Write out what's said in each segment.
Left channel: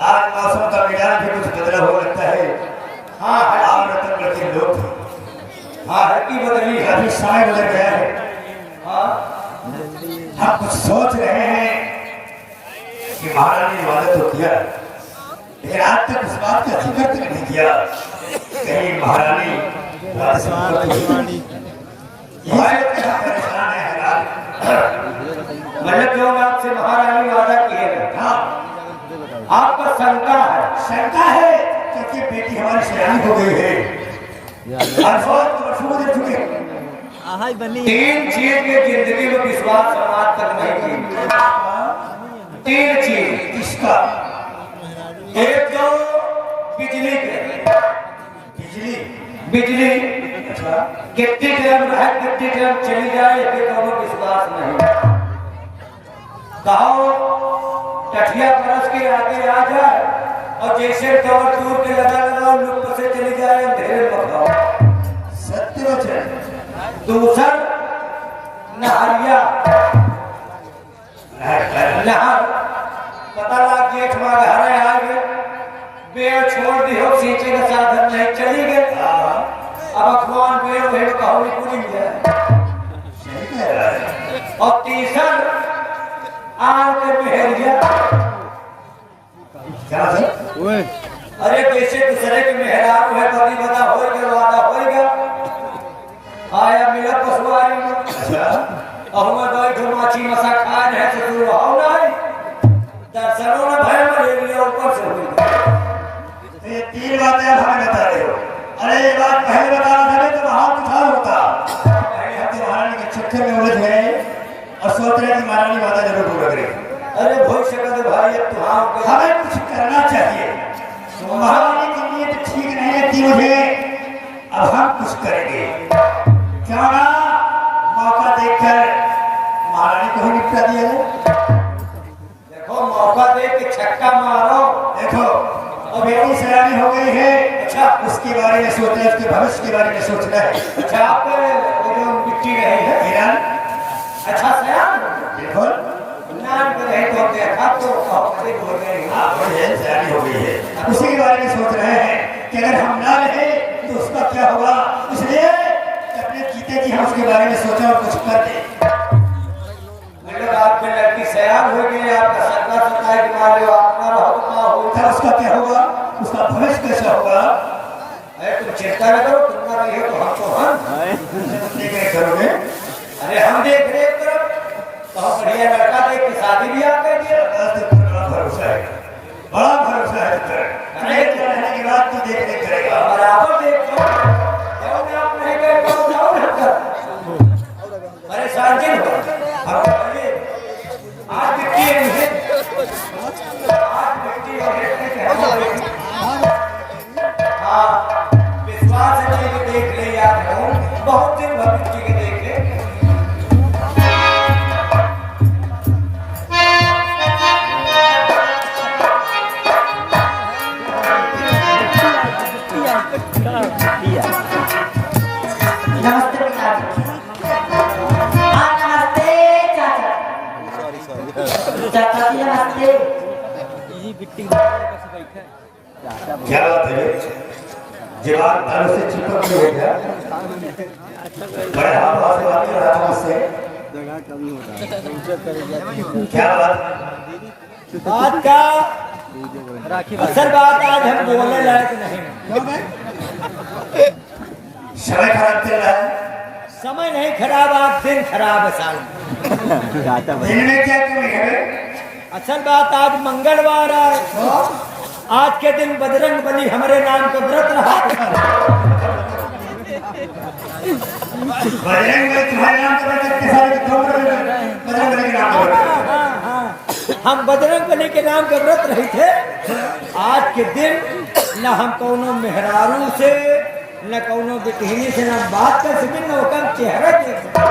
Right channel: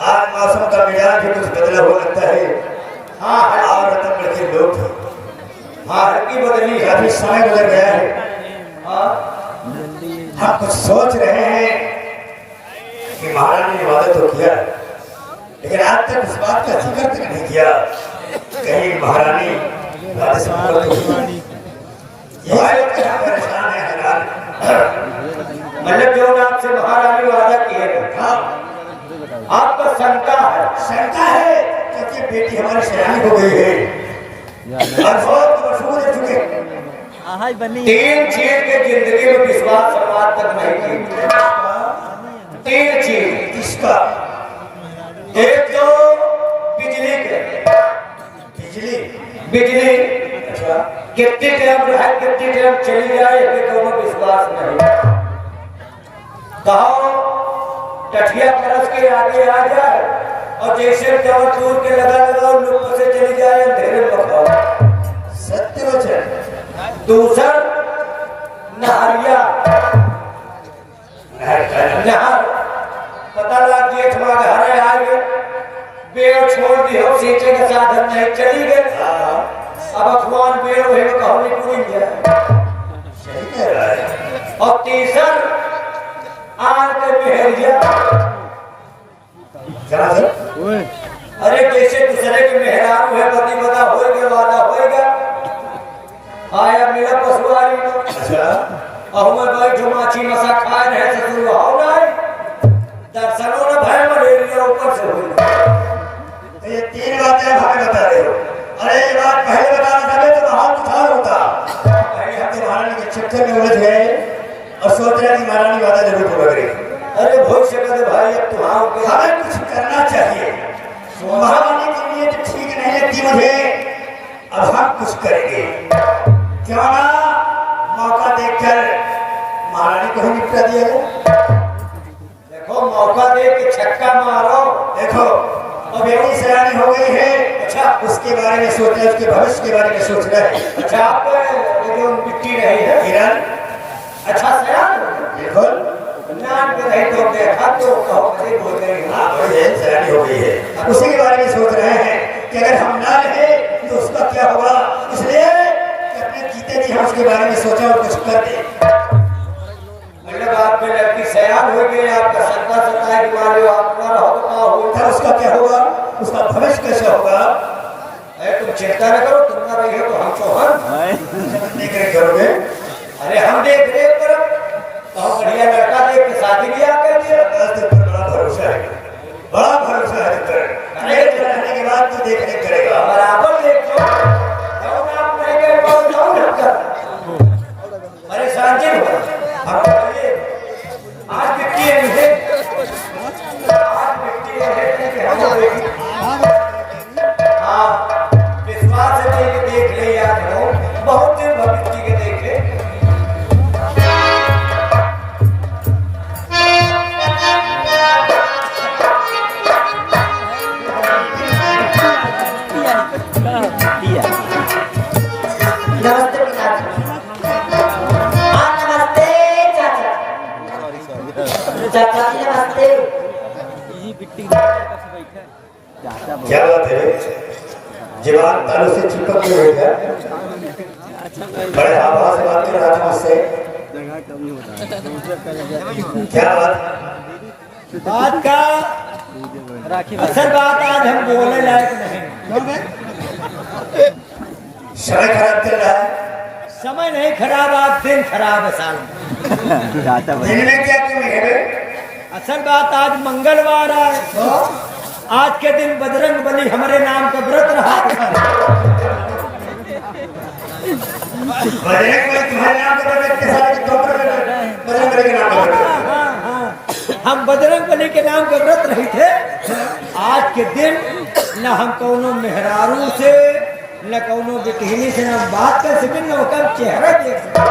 आज मौसम का मिजाज भी कुछ बदला हुआ लगता है। हाँ और तक लगे लोग हाँ हल्की बदली है, अभी समय बदल गया है। हम कुछ सोच रहे हैं कि महारानी ने वादा तो किया, लेकिन आज तक उस बात का जिक्र तक नहीं किया। कहीं महारानी वादा से मुकर तो मैंने जो आपसे महारानी वादा किया था, आपका शंका है क्योंकि बेटी हमारी सयानी हो गई है। तीन चीज में जिंदगी में विश्वास समाज तक नहीं किया। तीन चीज किसका? एक तो बिजली के बिजली अच्छा कितनी टाइम रहे कितनी टाइम चली जाए तो विश्वास नहीं। कहो टठिया परस के आगे आ जाए और जैसे कवर दूर के लगा लुप्त से चली जाए अंधेरे में खाओ। सत्य वचन। दूसर नहरिया नहर पता लगा जेठ माँ हरे आ गए बेड़ छोड़ दी हो सींचे का साधन नहीं चली गए। अब अखबार बेड़ वही कहो में पूरी जाए। और तीसर आके मेहरिया अरे जैसे दूसरे के मेहरा है पति बता होएगा वादा होएगा। आया मेरा पशुआरी अहुए बैठ माछी मसा खाए रहे ससुर हो नहीं दर्शनों ने भय मलेरिया ऊपर से हुई। ये तीन बातें भाग बता रहे हो। अरे ये बात पहले बताना था तो महान कुछ और होता। अरे हम तो महारानी के चक्कर में उलझ गए और सोच रहे कि महारानी वादा जरूर पूरा करेगी। अरे भविष्य का भाई तुम्हारा हमें कुछ करना चाहिए। महारानी के लिए तो ठीक नहीं लगती मुझे। अब हम कुछ करेंगे क्यों ना मौका देखकर महारानी को ही निपटा दिया जाए। देखो मौका देख के छक्का मारो। देखो अब बेटी सयानी हो गई है। अच्छा उसके बारे में सोच रहे उसके भविष्य के बारे में सोच रहे हैं। अच्छा आप जो मिट्टी रही है हिरण अच्छा सयान बिल्कुल नाम पे रहे तो देखा तो हो गई है। अब उसी के बारे में सोच रहे हैं कि अगर हम ना रहे तो उसका क्या होगा। इसलिए अपने जीते जी हम उसके बारे में सोचा और कुछ कर दे। मेरे बात में लड़की सयान हो गई आपका शंका सता है कि मारे आपका होगा उसका क्या होगा उसका भविष्य कैसे होगा। अरे तुम चिंता न करो तुम ना रहे तो हमको हम करोगे। अरे हम देख रहे पर तो बढ़िया लड़का देख के शादी भी आप कर दिया। बड़ा भरोसा है रहने के बाद तू देख देख करेगा बराबर देखो परेशान जी हम आज विश्वास देख ले याद रहो बहुत दिन भविष्य के देखे। नमस्ते चाचा जी नमस्ते। क्या बात है जवाब तारों से चिपक गई है क्या? बड़े हवा से बातें राजू से क्या बात का असल बात आज हम बोलने लायक नहीं। समय खराब चल रहा है। समय नहीं खराब आप दिन खराब है साल में। दिन में क्या तुम्हें है? असल बात आज मंगलवार है। आज के दिन बजरंग बली हमारे नाम का व्रत रहा। बजरंग बली तुम्हारे नाम का व्रत हम बजरंग बली के नाम के व्रत रहे थे। आज के दिन न हम कौनो मेहरारू से न कौनो बिकहिनी से न बात कर सके न उसका चेहरा देख सके।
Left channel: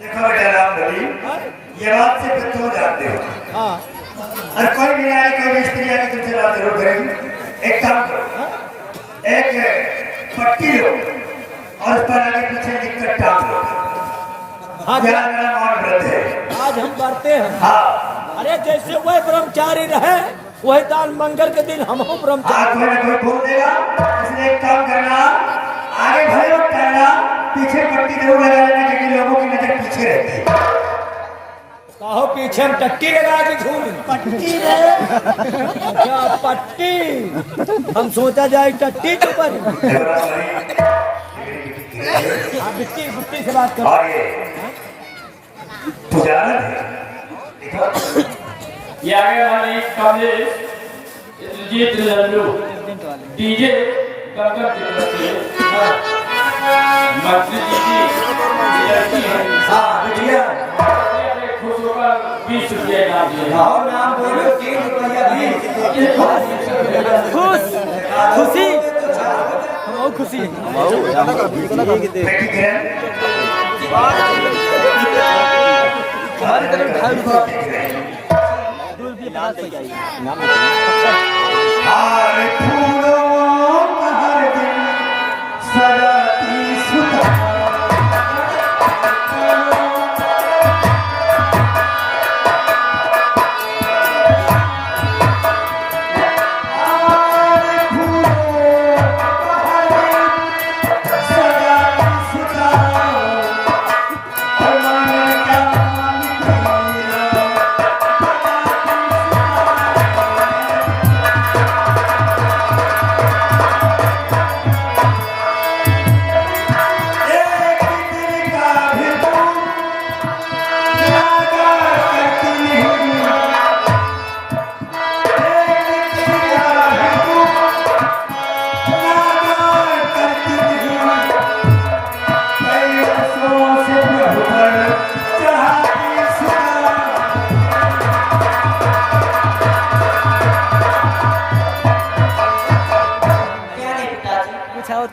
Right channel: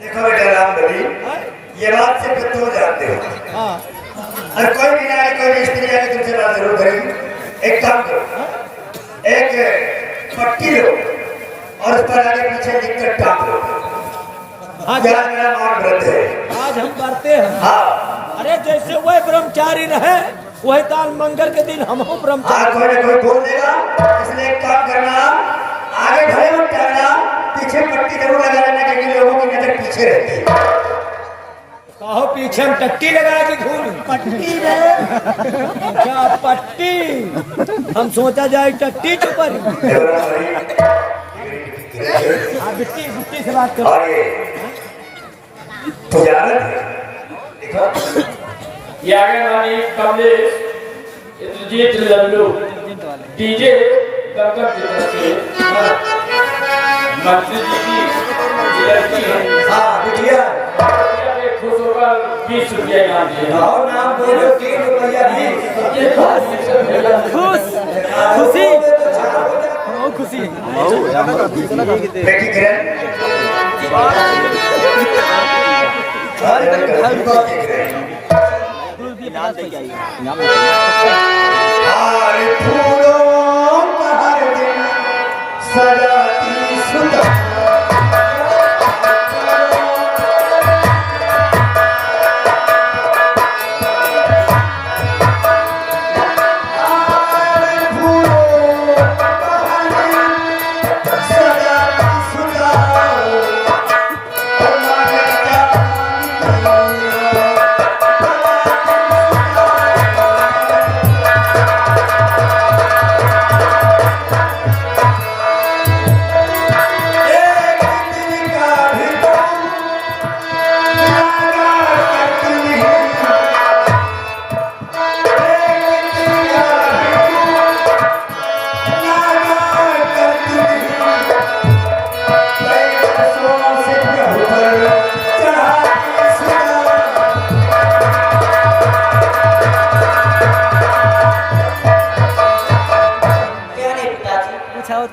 देखो राम बली ये बात से तो जानते हो। हाँ और कोई भी आए कोई भी स्त्री आए तुमसे बात जरूर करेगी। एक काम करो एक पट्टी लो और उस पर आगे पीछे लिखकर टाप लो। हाँ मेरा नाम व्रत है आज हम बढ़ते हैं। हाँ अरे जैसे वह ब्रह्मचारी रहे वही ताल मंगल के दिन हम ब्रह्मचारी कोई बोल देगा, इसलिए एक काम करना, आगे भले मत करना, पीछे पट्टी जरूर लगा लेना, क्योंकि लोगों की नजर पीछे रहती है। कहो पीछे हम टट्टी लगा के घूम पट्टी रे क्या पट्टी हम सोचा जाए टट्टी के ऊपर। हाँ बिट्टी बिट्टी से बात करो। ये आगे वाली कमलेश जीत लल्लू डीजे गंगा की तरफ से मंत्री जी की लड़की है। हाँ बिटिया खुश होकर 20 रुपया इनाम दिया। और नाम बोलो 3 रुपया भी खुश खुशी बहुत खुशी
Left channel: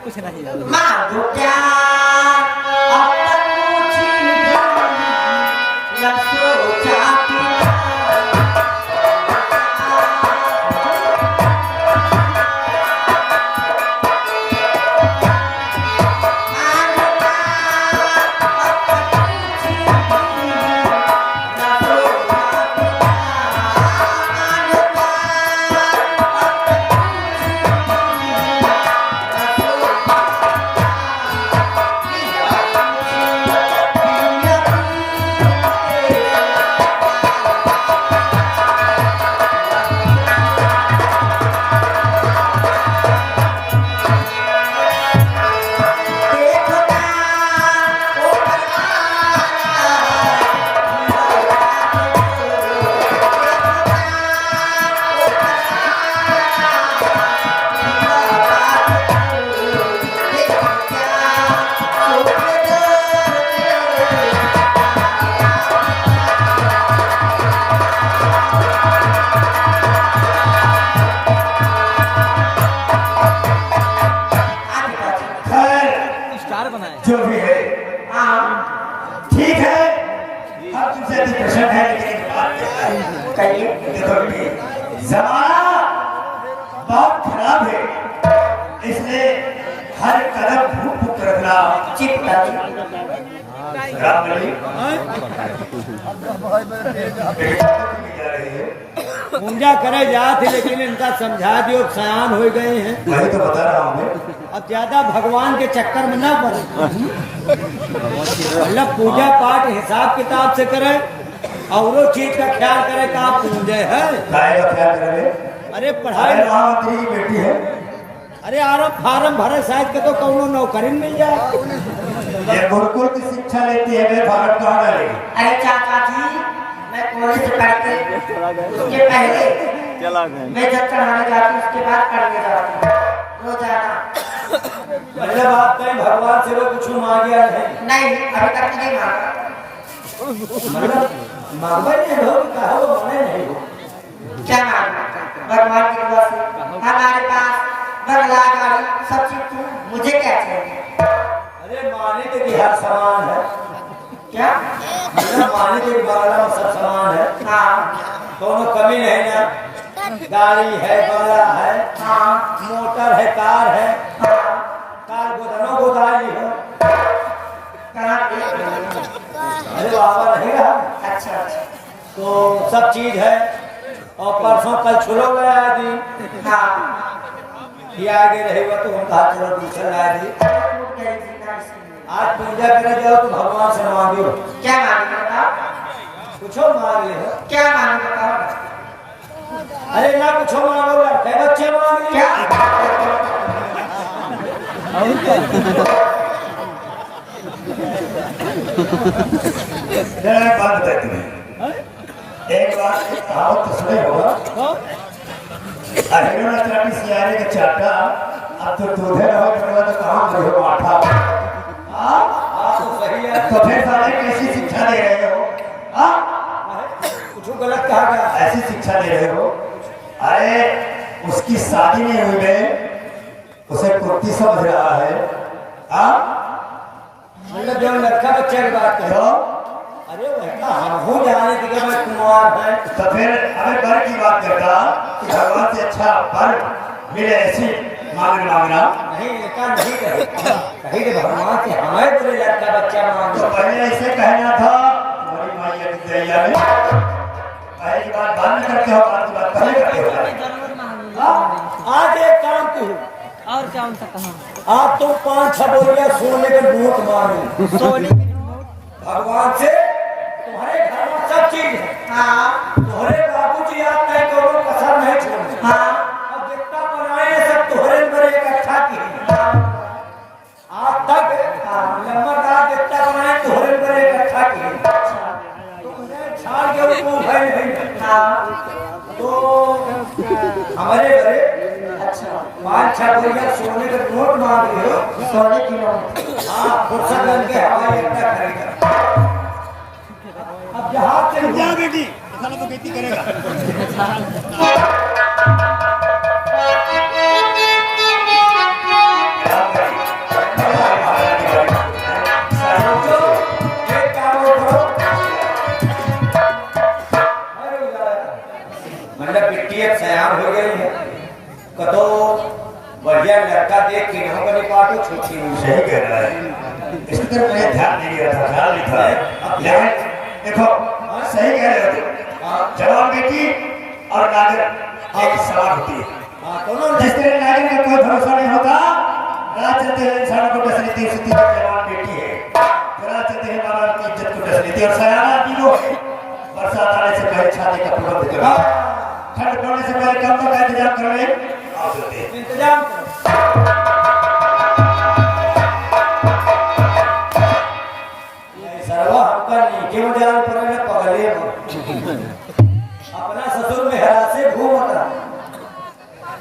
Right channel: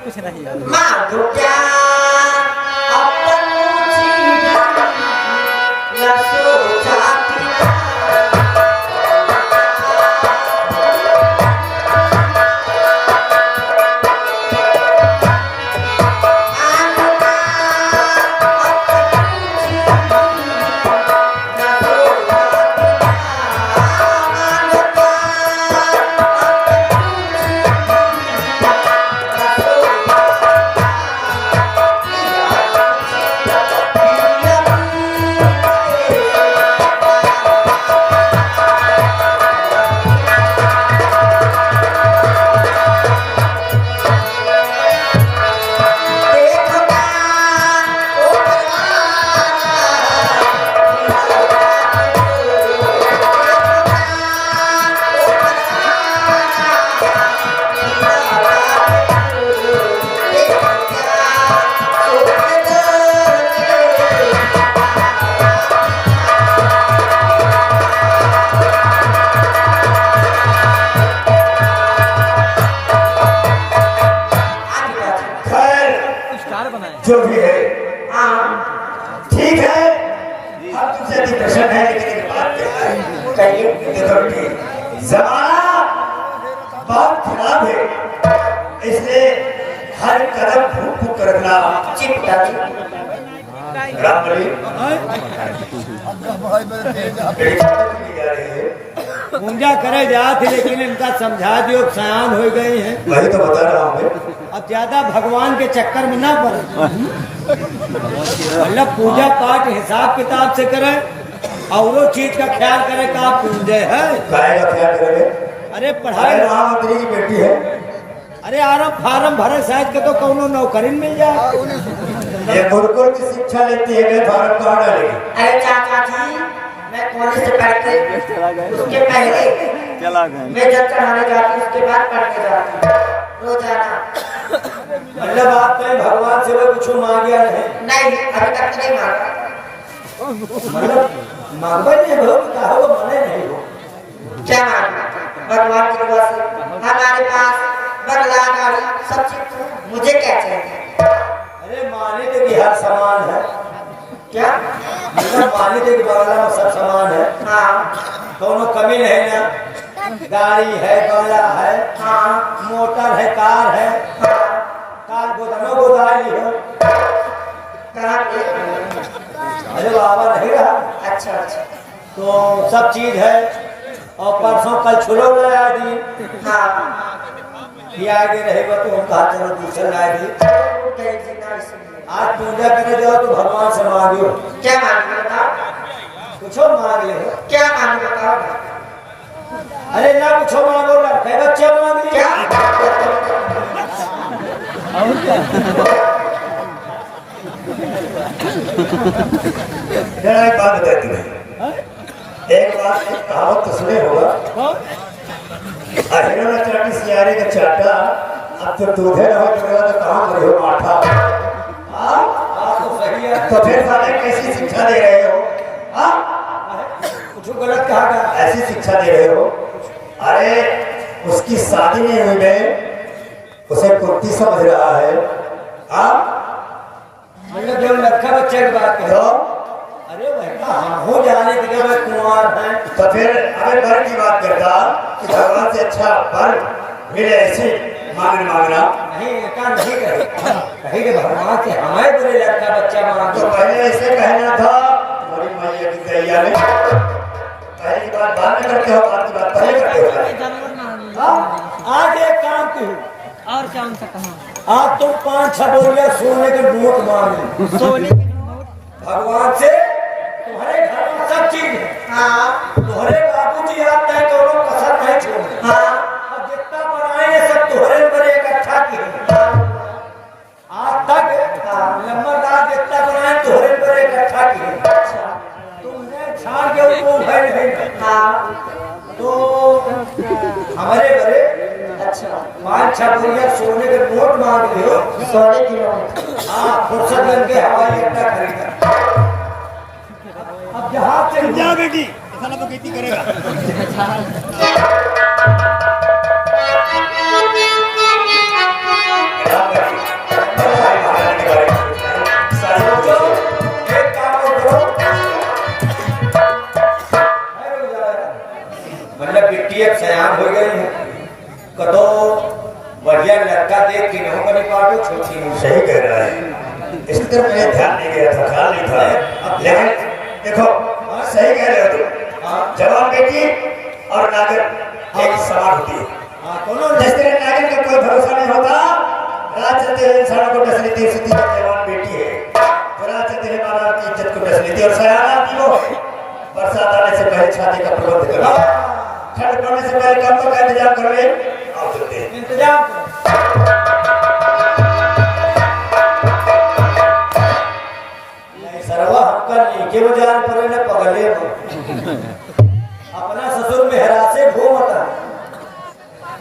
कुछ नहीं जो भी है ठीक है। अब तुमसे डिप्रेशन है, जमाना बहुत खराब है, इसलिए हर कदम फूक फूक कर रखना। पूजा करे जात लेकिन इनका समझा दियो सयान हो गए हैं। वही तो बता रहा हूँ। अब ज्यादा भगवान के चक्कर में ना पड़े, मतलब पूजा पाठ हिसाब किताब से करे और चीज का ख्याल करे का पूजे है। अरे पढ़ाई मंत्री की बेटी है। अरे आराम फार्म भरे शायद के तो कौनो नौकरी मिल जाए। ये गुरुकुल की शिक्षा लेती है, मैं फार्म कहाँ डालेगी? अरे चाचा जी, मैं कॉलेज से पढ़ के उसके पहले मैं जब चढ़ाने जाती उसके बाद पढ़ने जाती रोजाना। मतलब आप कहीं भगवान से कुछ मांगिया नहीं, अभी तक नहीं मांगा। मांगा नहीं हो तो मने नहीं हो। क्या मांगा? भगवान की दुआ से हमारे पास बंगला गाड़ी सब चीज थी, मुझे क्या चाहिए? अरे माने तो कि हर समान है। क्या मतलब माने तो कि बंगला में सब समान है। हाँ दोनों कमी नहीं ना, गाड़ी है, बंगला है, हाँ मोटर है, कार है, कार गोदामों गोदाम है। कहाँ पे? अरे बाबा नहीं रहा। अच्छा अच्छा। तो सब चीज है, और परसों कल छुलो गया दी हाँ ये आगे रहेगा तो हम कहा चलो दूसरा ला दी कहीं जिंदा इसलिए आज पूजा करने जाओ तो भगवान से मांगो क्या मानोगे बताओ कुछ मांग ले क्या मानोगे बताओ अरे ना कुछ मांगो लड़के बच्चे मांग क्या जरा एक बात बताती हूँ। एक बात एक कहावत तो सुने होगा अहिरो न चाटी सियारे का चाटा अब तो दूधे रहो तो कहाँ करे हो माठा बात तो सही है तो फिर साले कैसी शिक्षा दे रहे हो हाँ कुछ गलत कहा गया ऐसी शिक्षा दे रहे हो अरे उसकी शादी नहीं हुई है उसे कुर्ती समझ रहा है हाँ मतलब जो लड़का बच्चे की बात तो करो अरे वैसा हम हो जाने के मैं कुमार हैं तो फिर अगर बर की बात करता कि भगवान से अच्छा बर मिले ऐसी मांगना नहीं इनका नहीं कहे कहे कि भगवान से हमें बोले लड़का बच्चा तो मांगो पहले ऐसे कहना था बड़ी मैया की दैया में पहले की बात बाद में करते हो बाद की बात पहले करते हो आज एक काम की और कौन सा कहा आप तुम 5-6 बोलिए सोने के नोट मांगे सोने की नोट भगवान से तुम्हारे घर में सब चीज है हाँ तुम्हारे बाबूजी आते हैं तो लोग कसर नहीं छोड़े हाँ और जितना बनाए सब तुम्हारे पर इकट्ठा किए आज तक लंबादार जितना बनाए तुम्हारे पर इकट्ठा किए तुमने छाड़ के उनको उठाए नहीं हाँ तो हमारे घरे अच्छा 5-6 बोलिए सोने के नोट मांग रहे हो सोने की नोट हाँ फुर्सत बन के हवाई अड्डा खरीदा अब जहाज से जा बेटी ऐसा ना तो खेती करेगा सोचो, एक काम और करो। मतलब बिट्टी एक सयान हो गई है कतो बढ़िया लड़का देख के नहीं बनी पाटो छोटी नहीं सही कह रहा है इसकी तरफ मैंने ध्यान नहीं दिया था ख्याल नहीं था अब लेकिन देखो सही कह रहे हो तुम जवान बेटी और नागर एक समान होती है हाँ दोनों जिस तरह नागर का कोई भरोसा नहीं होता रात चलते हैं इंसानों को डस लेती है उसकी जवान बेटी है तो रात चलते हैं मानव की इज्जत को डस लेती है और सयाना आदमी वो है बरसात आने से पहले छाते का प्रबंध करें ठंड पड़ने से पहले कब का इंतजाम कर रहे आओ चलते हैं इंतजाम करो सर्वा हमका नीचे बजान पर न पगले अपना ससुर मेहरा से घूमता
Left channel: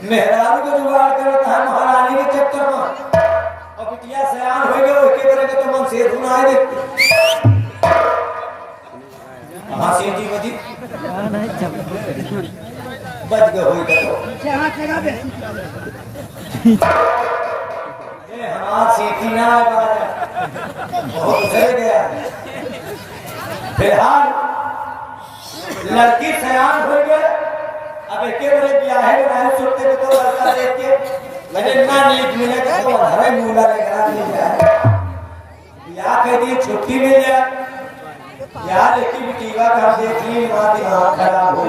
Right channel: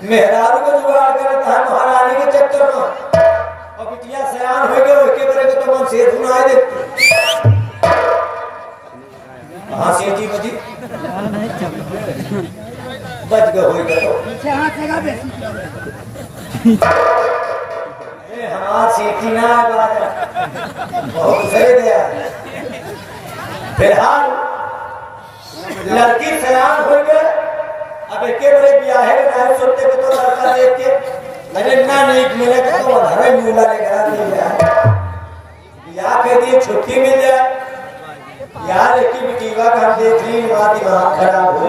मेहरारू को जुगाड़ करता है महारानी के चक्कर में और बिटिया सयान हो गए उसके बड़े के तो मन से धुनाए दे कहाँ से जी बजी बच गए होई तो अरे हमार सेठी ना बहुत सही गया फिलहाल लड़की सयान हो गए अब एक बड़े ब्याह के नहीं सुनते तो लड़का देख के अरे ना नीक मिले तो हरे मूला लगा मिल जाए ब्याह के दिन छुट्टी मिल जाए यार एक बेटीवा का हम देख ली बात वहां खराब हो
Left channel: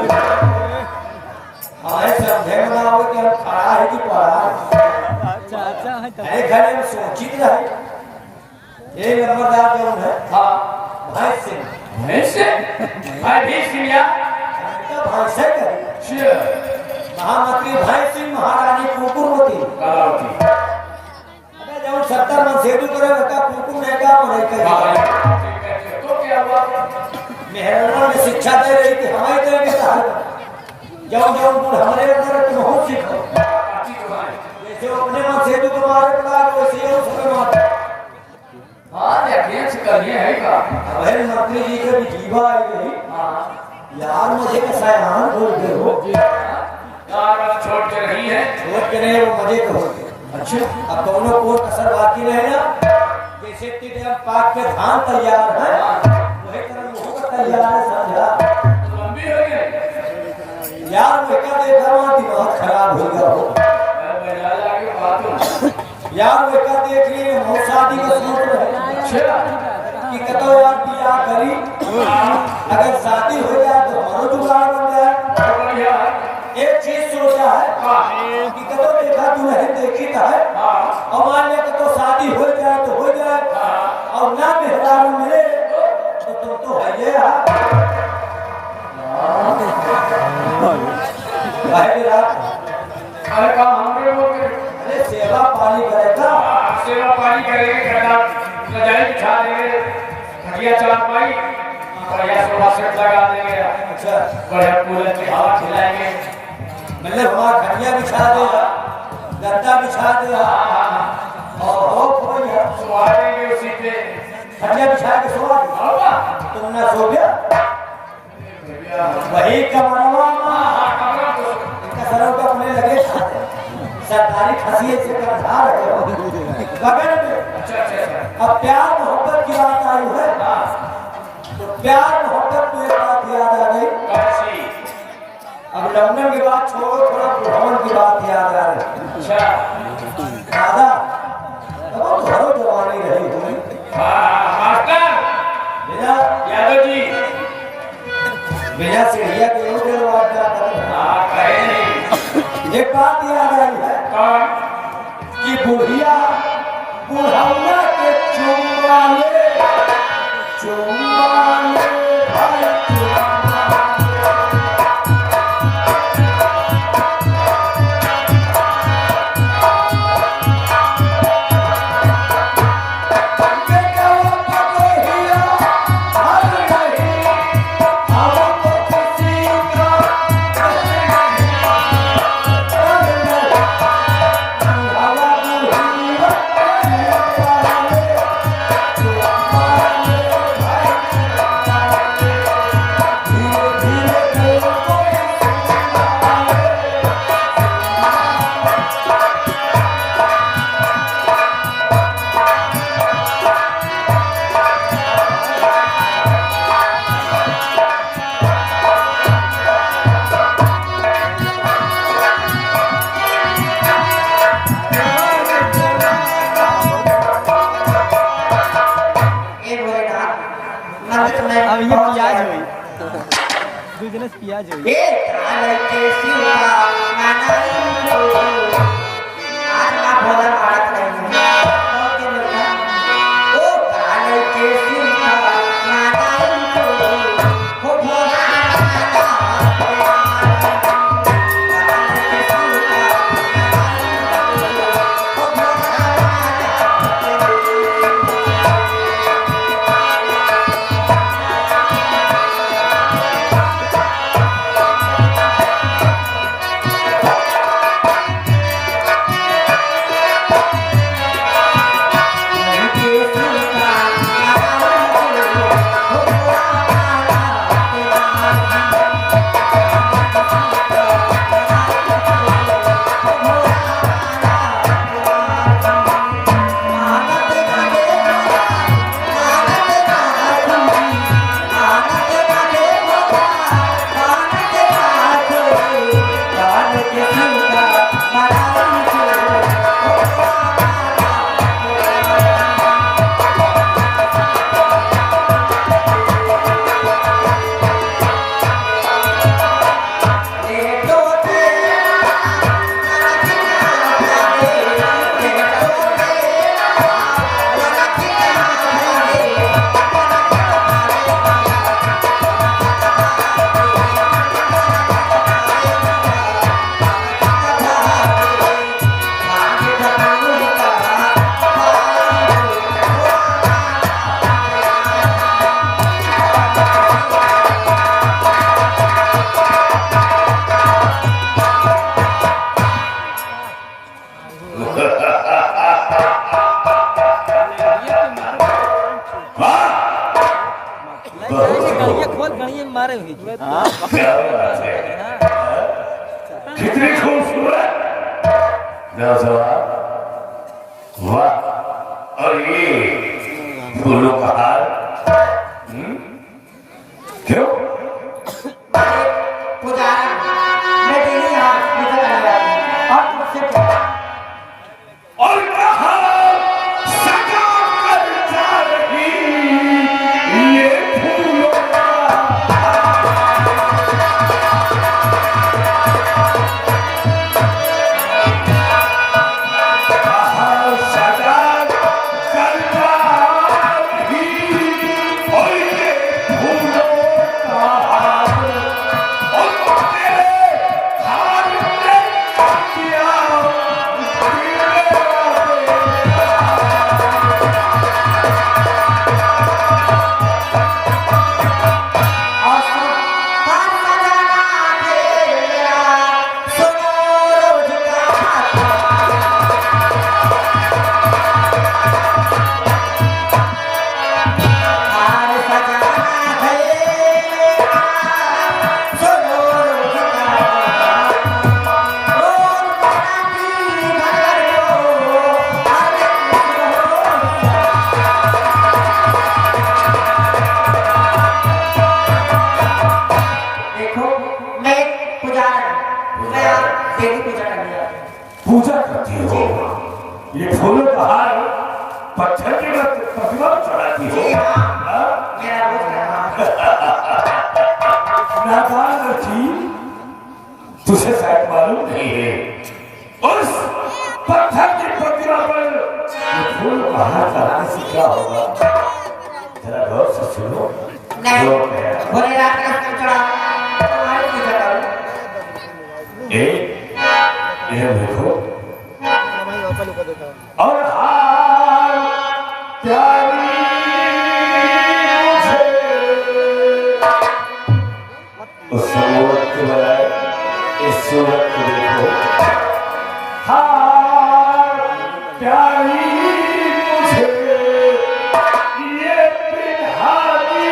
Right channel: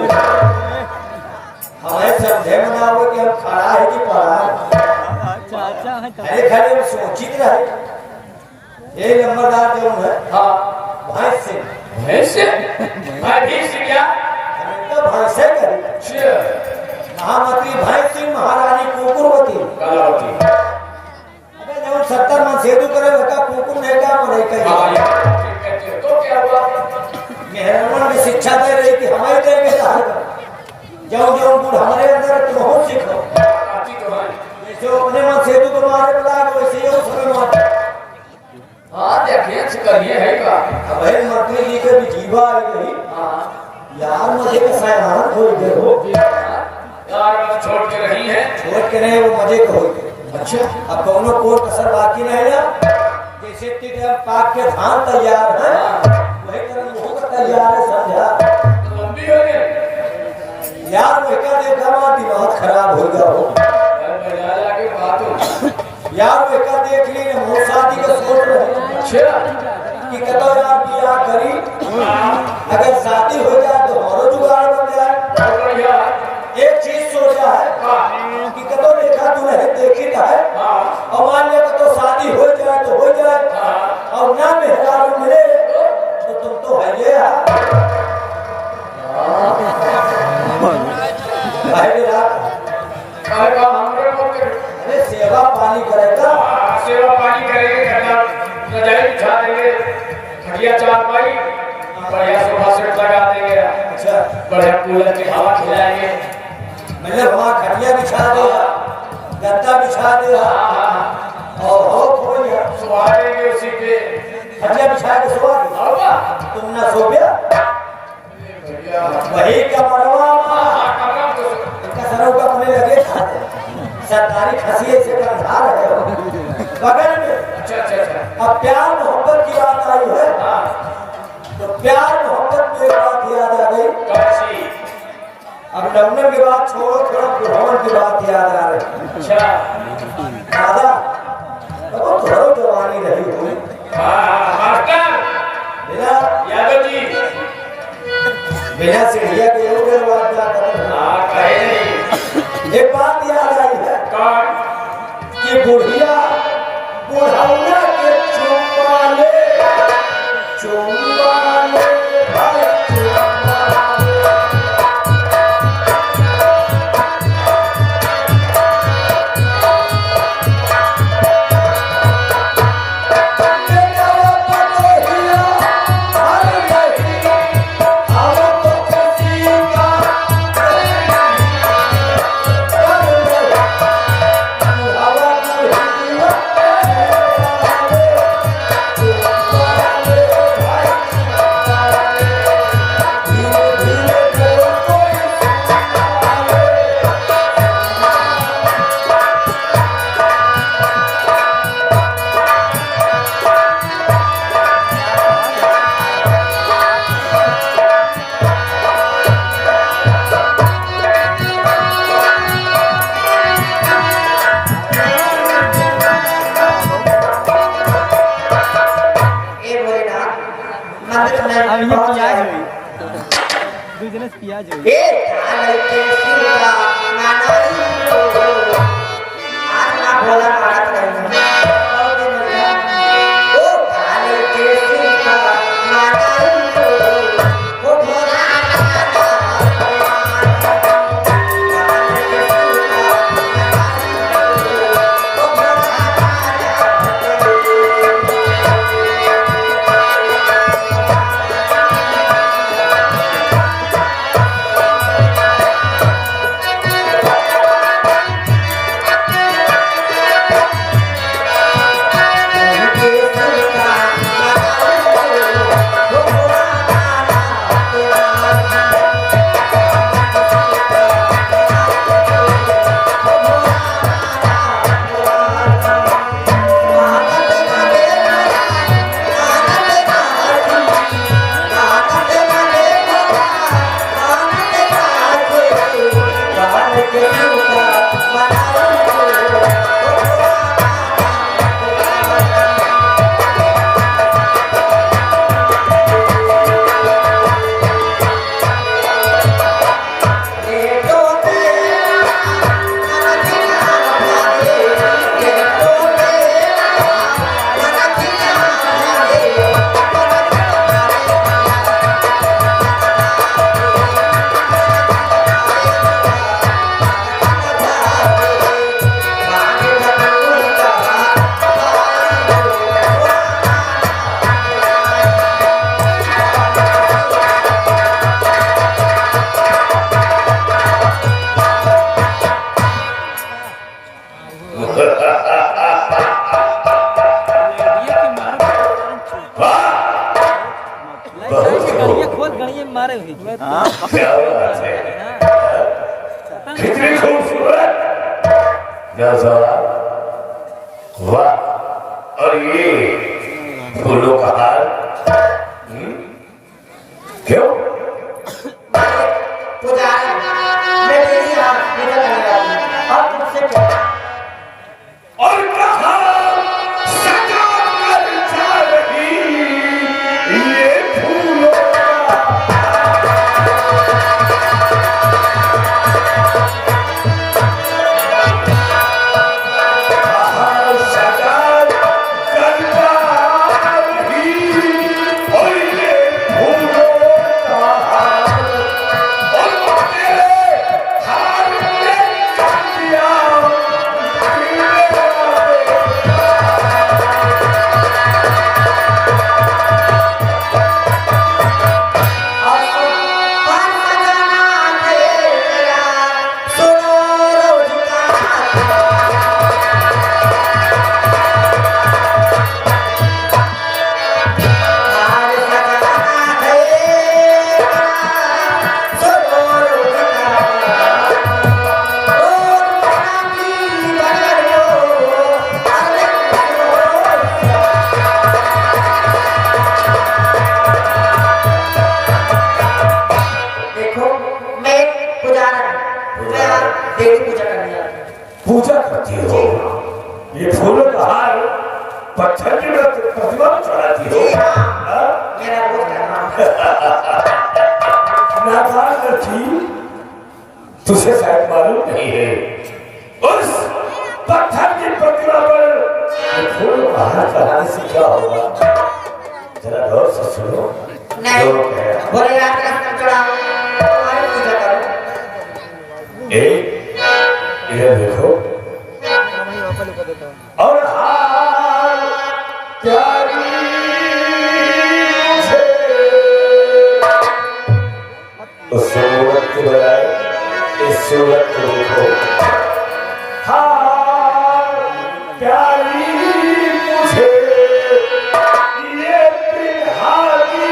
हमारे समझे में ना हो कि हम खड़ा है कि पड़ा अरे खड़े में सोचित रहे ये नंबरदार जो है हाँ भैंस सिंह ऐसे भाई भी सिया तो भैंस है करे महामंत्री भैंस सिंह महारानी कुकुरवती कलावती अरे जब 70 मन सेतु करे बता कुकुर नहीं का पढ़ाई कर तो क्या हुआ मेहरबान में शिक्षा दे रही कि हमारी देंगे जब जब हमारे अंदर तुम हो सीखो जैसे अपने मन सेतु को मारे बुला वैसे ही उसमें मार हाँ देखिए करिए है का अभय मंत्री जी के भी जीवा आई नहीं यार मुझे कैसा है खोल दे हो यार छोड़ के रही है छोड़ के नहीं वो मजे के हो गए अच्छा अब दोनों को कसर बाकी नहीं ना जैसे तिगड़म पाक के धान तैयार है वही तरह मुंह का तैयार है समझा लंबी हो गई यार वही का देखा मां दिमाग खराब हो गया हो यार वही का देख ली हम शादी का सोच रहे कि कतो यार बियाह करी अगर शादी हो जाए तो हमारो जुगाड़ बन जाए समस्या है कि कतो देखा दुल्हन देखी तो है और मान ले तो शादी हो जाए तो हो जाए और ना मेहरारू मिले तो तुम तो है ये भाई मेरा अरे काम हमरे मोके अरे सेवा पानी करेगा सेवा पानी करेंगे कहना रजाई बिछा देंगे खटिया चार पाई बढ़िया सोफा सेट लगा देंगे अच्छा बढ़िया कूलर की हवा खिलाएंगे मतलब हमारा खटिया बिछा दे गद्दा बिछा दे और हो कोई है सुबह देंगे उसी पे खटिया बिछा के सुबह हवा तुम ना सो गया वही का मनवा इनका सरव का अपने लगे सरकारी खसिए से कंधार है बगल में अच्छा अच्छा अच्छा अब प्यार मोहब्बत की बात आई है तो प्यार मोहब्बत में एक बात याद आ गई कैसी अब लंदन की बात छोड़ो थोड़ा बुढ़ावन की बात याद आ रही अच्छा दादा अब तो हरो जवानी रही हुई मास्टर बिना यादव जी बिना सीढ़िया के योग बात क्या करें कहे नहीं एक बात याद आई है कौन कि बुढ़िया बुढ़ौना के चुम्मा ले भाई चुम्मा अब ये प्याज हुई बिजनेस प्याज हुई बढ़िया मारे हुई कितनी खूबसूरत नजर वाह और ये फूलों का हार क्यों पुजारी मैं डेली यहाँ भीतर लगा रहती हूँ और तुमसे क्या और कहाँ सजा कर जा रही ये फूलों का देवी पूजा करने जाते हैं। पूजा करती हो? ये फूलों का हार पत्थर की प्रतिमा में चढ़ाती हो? जी हाँ, हाँ? मेरा रोज का काम है। नादान लड़की, तुझे शायद मालूम नहीं है, उस पत्थर की प्रतिमा पर ये फूलों का हार चढ़ाने से क्या होगा? जरा गौर से सुनो। नहीं, जो कह रहा है। भोले रात का फल चढ़ा तुम्हारी पूजा करो। इधर देखो और हार प्यारी से उस सूरत के बजाय इस सूरत को देखो। हार प्यारी मुझे ये बिहारी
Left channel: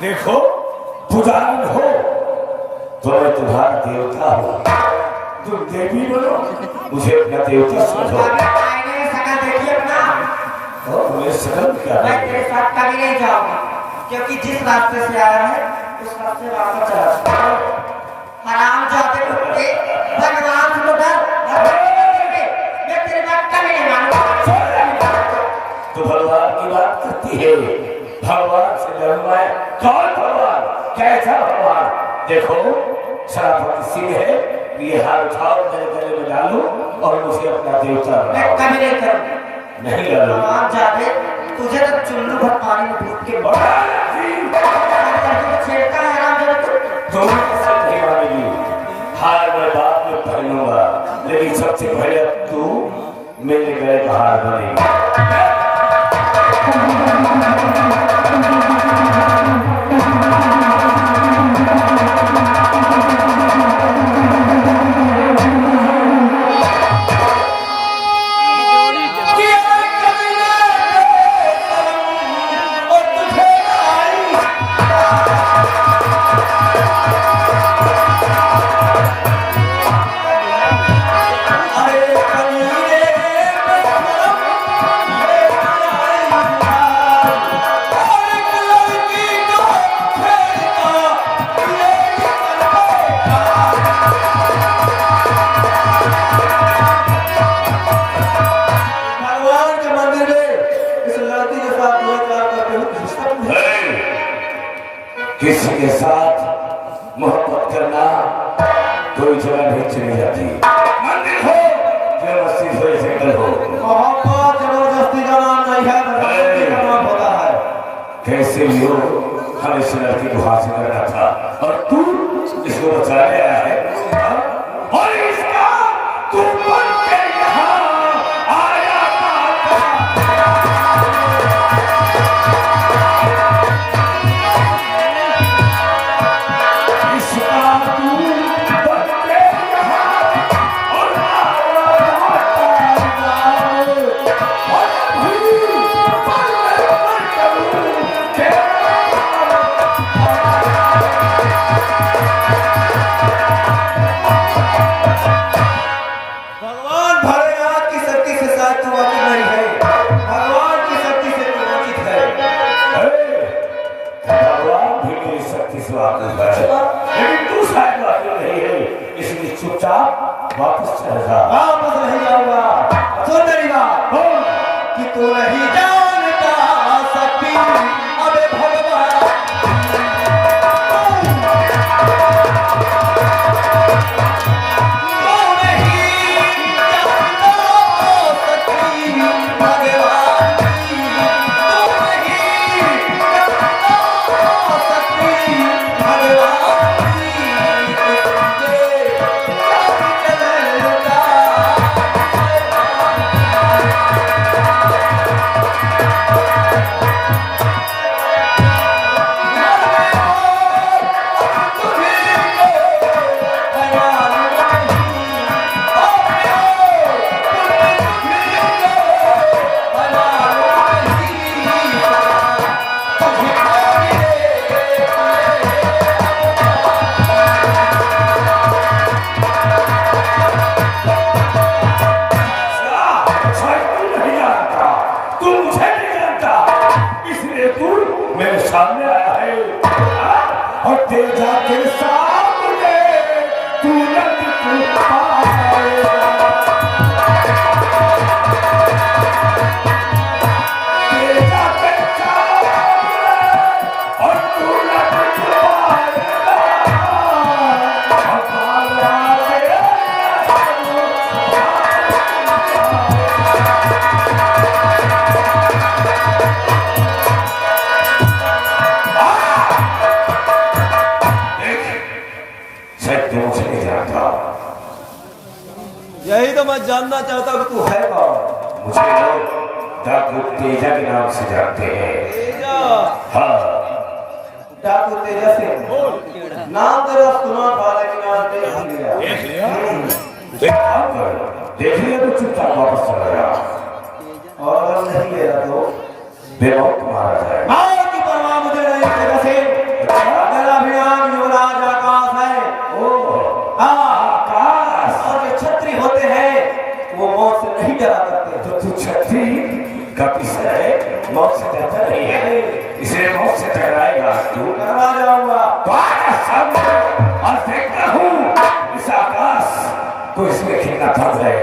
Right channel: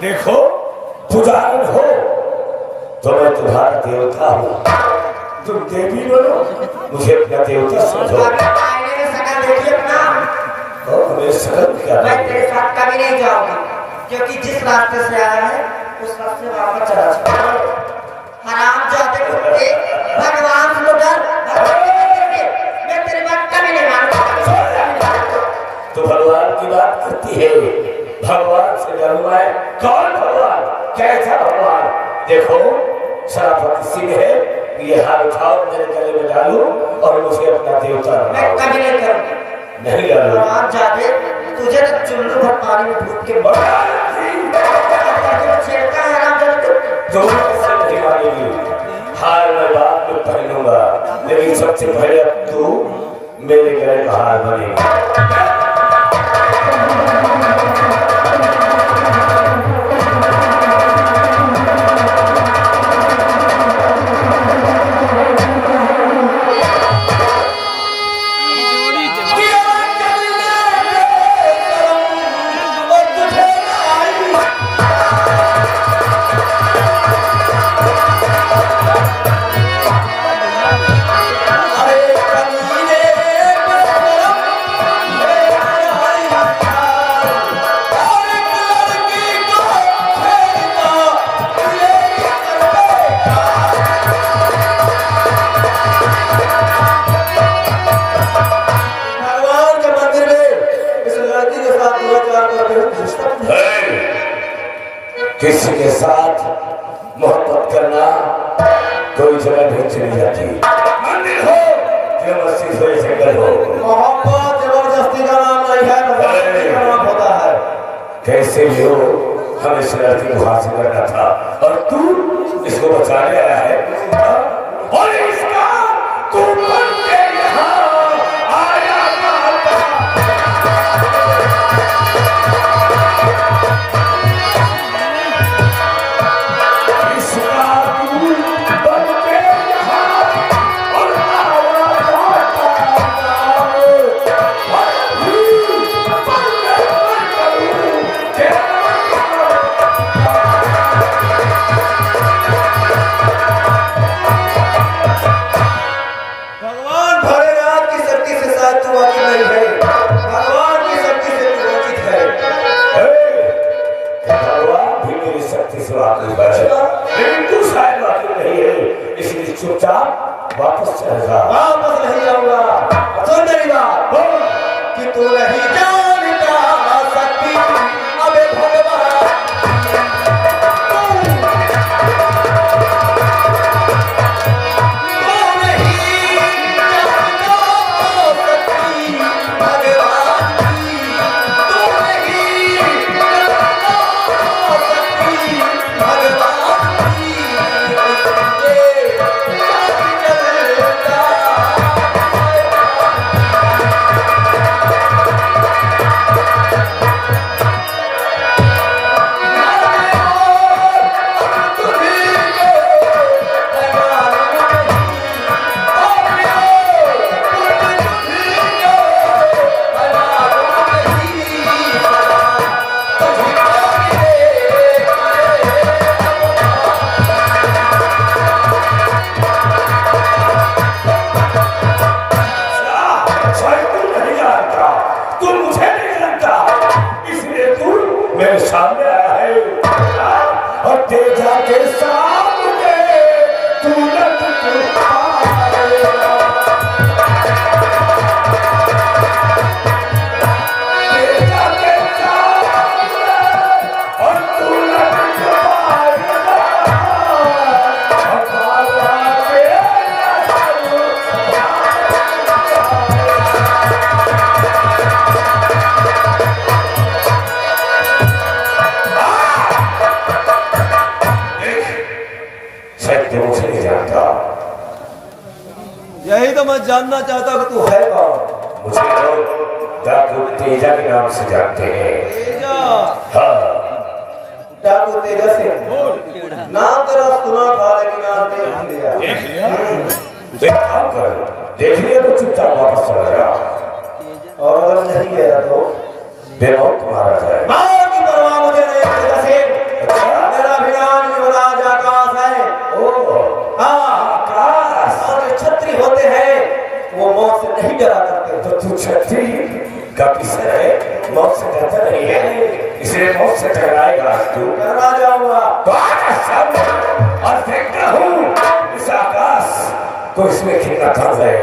देखो पुजारी हो तो मैं तुम्हारा देवता हूँ, तुम देवी बोलो, मुझे अपना देवता समझो। आईने में शकल देखिए अपना। और मैं सकल क्या मैं तेरे साथ कभी नहीं जाऊंगी, क्योंकि जिस रास्ते से आया है उस रास्ते वापस चला जाऊंगा। हराम जाते कुत्ते, भगवान को डर, मैं तेरी बात कभी नहीं मानूंगा। तो भगवान की बात करती है, भगवान से डरना है। कौन भगवान, कैसा भगवान? देखो सनातन सिंह है, ये हाथ उठाओ, मेरे गले में डालो और मुझे अपना देवता मैं बनाओ। कभी नहीं करूंगी। नहीं डालो। भगवान जाते तुझे तो चुल्लू भर पानी में डूब के छेड़ता है राम जगत। दोनों से नहीं मानेगी। हार मैं बाद में पहनूंगा, लेकिन सबसे पहले अब तू मेरे गले का हार बनेगी। किसी के साथ मोहब्बत करना कोई जगह नहीं चली जाती। मंदिर हो जबरदस्ती से सेटल हो। मोहब्बत जबरदस्ती का नाम नहीं है, जबरदस्ती का नाम होता है। कैसे भी हो हमें इस लड़की को हासिल करना था और तू इसको बचाने आया है। हाँ? और इसका तू बन के यहाँ आया था। इसका तू बन के यहाँ और आया था। वाकिफ है, लेकिन तू शायद वाकिफ नहीं है, इसलिए चुपचाप वापस चला जा। वापस नहीं आऊंगा। सुन मेरी बात कि तू नहीं जानता सकती अबे भगवान मेरे सामने आया है और तेजा के सामने तू न दिख पाएगा। तेजा के सामने और तू न दिख पाएगा। मुझे नहीं जानता। यही तो मैं जानना चाहता हूँ तू है कौन। मुझे लोग डाकू तेजा के नाम से जानते हैं। तेजा हाँ, डाकू तेजा से नाम तेरा सुना था लेकिन नाम नहीं लिया। देख लिया तो चुपचाप वापस चला जा, और अगर नहीं गया तो बेमौत मारा जाए। मार की परवाह मुझे नहीं तेजा से। मेरा भी नाम युवराज आकाश है। हाँ, छत्री होते हैं वो मौत से नहीं डरा करते। तो तू छत्री का किस्सा है, मौत से डरता नहीं है, इसलिए मौत से टकराएगा। तू टकरा जाऊंगा तो आजा सामने और देखता हूँ इस आकाश को, इसमें कितना दम है।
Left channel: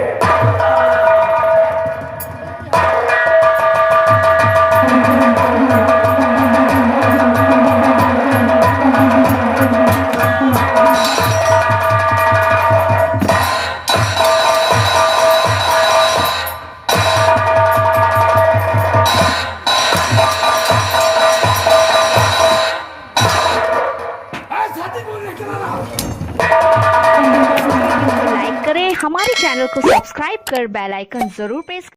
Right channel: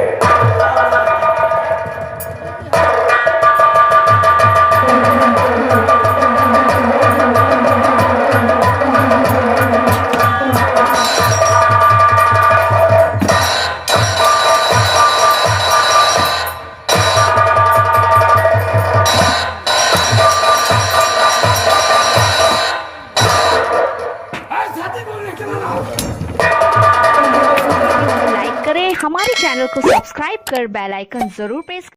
लाइक करें, हमारे चैनल को सब्सक्राइब कर बेल आइकन जरूर प्रेस